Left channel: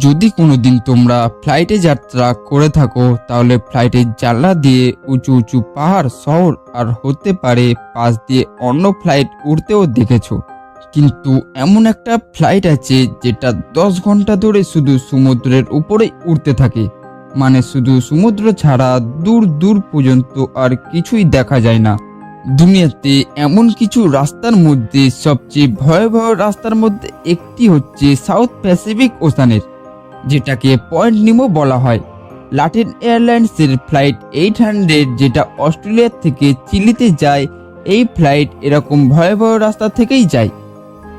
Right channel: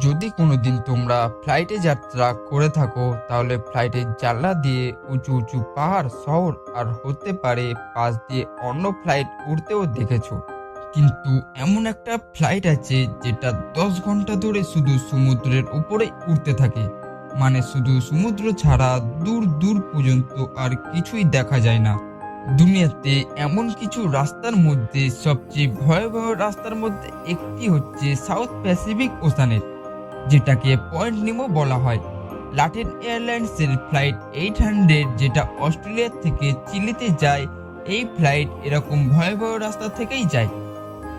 যদি কোনোদিন তোমরা ফ্লাইটে যাত্রা করে থাকো, তাহলে ফ্লাইটের জানলা দিয়ে উঁচু উঁচু পাহাড়, শহর আর হতে পারে পাশ দিয়ে অন্য ফ্লাইট উড়তেও দেখেছ। কিন্তু এমন একটা ফ্লাইট আছে যেটা দশ ঘণ্টা ধরে শুধু সমুদ্রের উপরেই উড়তে থাকে। মানে শুধু সমুদ্র ছাড়া দূর দূর পর্যন্ত আর কিছুই দেখা যায় না। দুনিয়াতে এমন কিছু রাস্তার মধ্যে সবচেয়ে ভয়াবহ রাস্তার মধ্যে একটি হচ্ছে সাউথ প্যাসিফিক ওশানের যেটাকে পয়েন্ট নিমো বলা হয়। লাটিন এয়ারলাইন্সের ফ্লাইট এইট হান্ড্রেড যেটা অস্ট্রেলিয়া থেকে চিলিতে যায়, এই ফ্লাইট এরকম ভয়াবহ রাস্তা থেকেই যায়।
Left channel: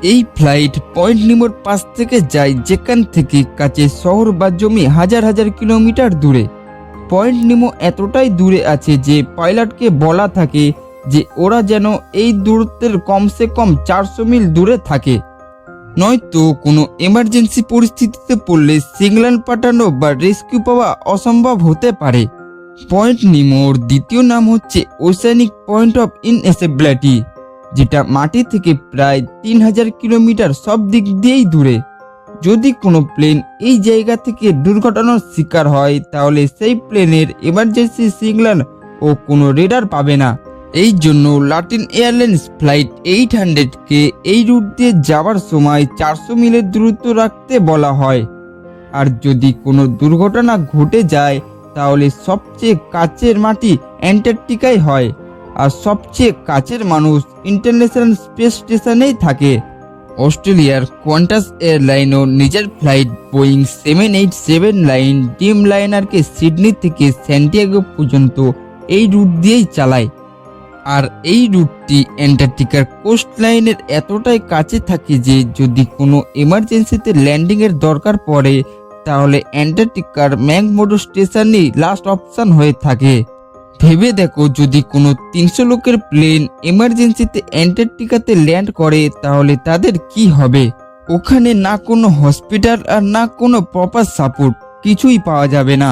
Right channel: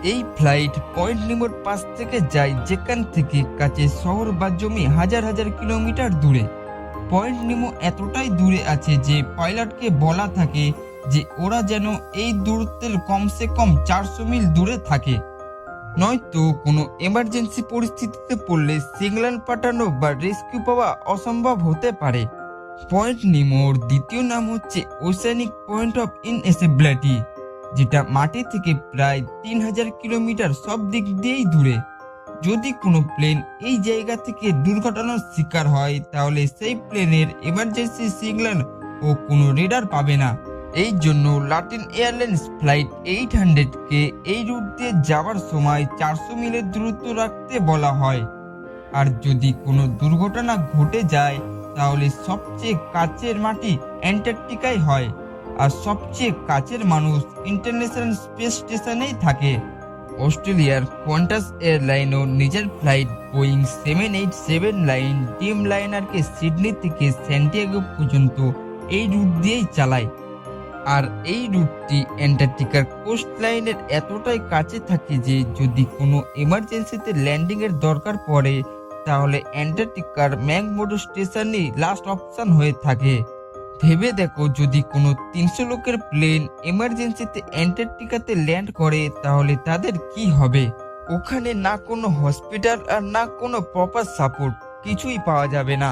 এই ফ্লাইট পয়েন্ট নিমোর পাশ থেকে যায়, যেখান থেকে কাছে শহর বা জমি হাজার হাজার কিলোমিটার দূরে। পয়েন্ট নিমো এতটাই দূরে আছে যে পাইলটকে বলা থাকে যে ওরা যেন এই দূরত্বের কমসে কম চারশো মিল দূরে থাকে। নয়তো কোনো এমার্জেন্সি পরিস্থিতিতে পড়লে সিগন্যাল পাঠানো বা রেস্কিউ পাওয়া অসম্ভব হতে পারে। পয়েন্ট নিমোর দ্বিতীয় নাম হচ্ছে ওসানিক পয়েন্ট অফ ইনএসেবিলিটি যেটা মাটি থেকে প্রায় তিন হাজার কিলোমিটার সব দিক দিয়েই দূরে। যদি কোনো প্লেন এই জায়গা থেকে দুর্ঘটনার শিকার হয়, তাহলে সেই প্লেনের এমার্জেন্সি সিগন্যাল ও কোনো রেডার পাবে না। এই জন্য লাটিন এয়ারলাইন্স ফ্লাইট এইট হান্ড্রেডকে এই রুট দিয়ে যাওয়ার সময় চারশো মিলের দূরত্ব রাখতে বলা হয়। আর যদি কোনো দুর্ঘটনা ঘটে যায়, তাহলে সবচেয়ে কাছের মাটি অ্যান্টার্কটিকায় হয়, আর সবচেয়ে কাছের মানুষ ইন্টারন্যাশনাল স্পেস স্টেশনেই থাকে। অস্ট্রেলিয়ার কোয়ান্টাস এয়ারলাইনও নিজের flight Boeing seven eight seven line ডিম লাইনারকে সিডনি থেকে স্যান্টিয়াগো পর্যন্ত এই রুট দিয়েই চালায়। আর এই রুটটি অ্যান্টার্কটিকার কোস্ট লাইনের এতটাই কাছে থাকে যে যদি কোনো এমার্জেন্সিতে ল্যান্ডিংয়ের দরকার পড়ে, তাহলে অ্যান্টার্কটিকার ম্যাকমোডো স্টেশনই লাস্ট অপশন হয়ে থাকে। ভেবে দেখো, যদি কোনো তিনশো লোকের প্লেন এমার্জেন্সিতে অ্যান্টার্কটিকাতে ল্যান্ড করে, তাহলে তাদের কি হবে? ওখানে না কোনো হসপিটাল আর না কোনো প্রপার সাপোর্ট কিছুই পাওয়া যাবে না।